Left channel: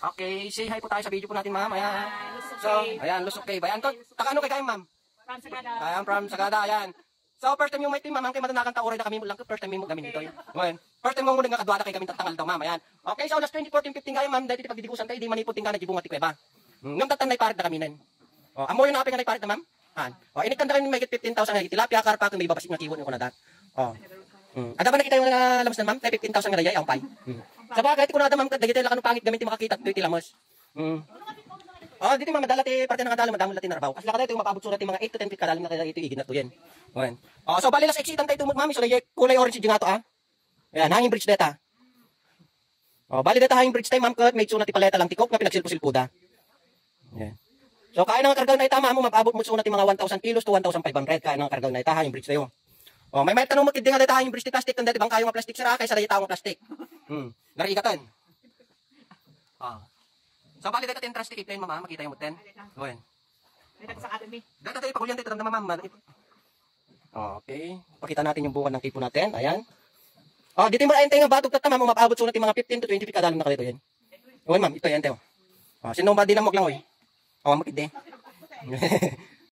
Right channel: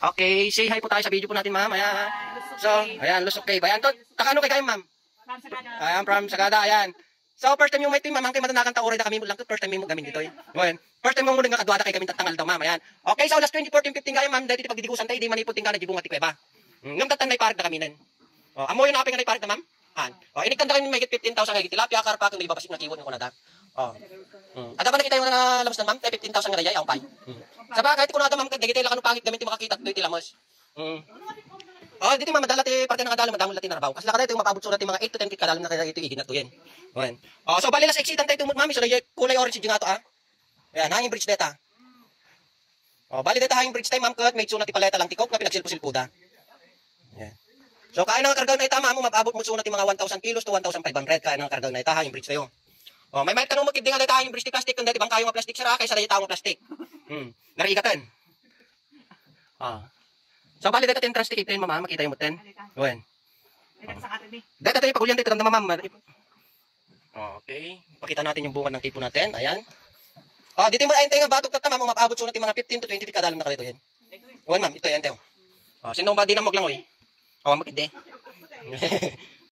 Okay, say hi po tayo sa video po natin, ma'am. Ayan. So, ayan, Lusok Cave. Ayan, to, takano kay kayo, ma'am? From Sagada. Ayan, from Sagada, ayan. So, first time yung may team, ma'am, kay matanakan ta oray da kami mo lang to. First time mo gamin dito. Ayan. First time mo muna nga kadwada kay kami tatangal daw, ma'am. Ayan. Okay, so last 2014-15 kayo, ma'am, dahil pagdidikusan tayo, di maniputing ka nagibungat ti kuweba. Ngam tatan may parit na kami nen. Oh, amo yung napay nga parit na, ma'am. Han. Oh, iniktan da kami may 15,000 nga tilapia karpa kung may babasik na kiwon ko na da. Oh. Ada ba nakita yung mga labas na, ma'am? 15,000 nga dayay ang pay. Sa bagay ko na da, ma'am, dagiti la kanu pangit gamit ti makakita dito tilamos. Oh, dito ma'am, madala ti parte ng kadalo madamol ti narabaw. Kasi lakada ito yung mapabot surat ti mga 8 to 10 feet kadalo na kaya ito igin na to yan. Okay. Oh, so bali las exitan tayo tumut mami sa kulay orange yung ato ah. Yan, hanging bridge data. Oh, bali data hanging bridge tayo ma'am, kat may sulat ti paleta lang tikok na pinagsilpo-silpuda. Yan. So kaano nga kargaw na itama mo mapabot mo sulat ti mga 1,000 kilos to 1,500 kaano nga kargaw na ita hanging bridge tayo. Oh, may tanong mo kid nga data hanging bridge ti plastic kun dati bang kayo nga plastic sara kay sa dayta nga plastic. Narigatan. Ah. So bali data ten plastic iten mama makita yung muten. Wen. Data tayo pagulyan dito ramdam ma'am. Okay. Pakita natin yung bungad ng kipo natin. Ayan. Oh, dito mo ayon tayo nga batok tata ma'am mapabot sulat ti mga 15 to 20 feet kadalo na kalito yan. Wen ma'am, ito yan tayo. Oh, sino ba di na mo lang oy. Oh, makide.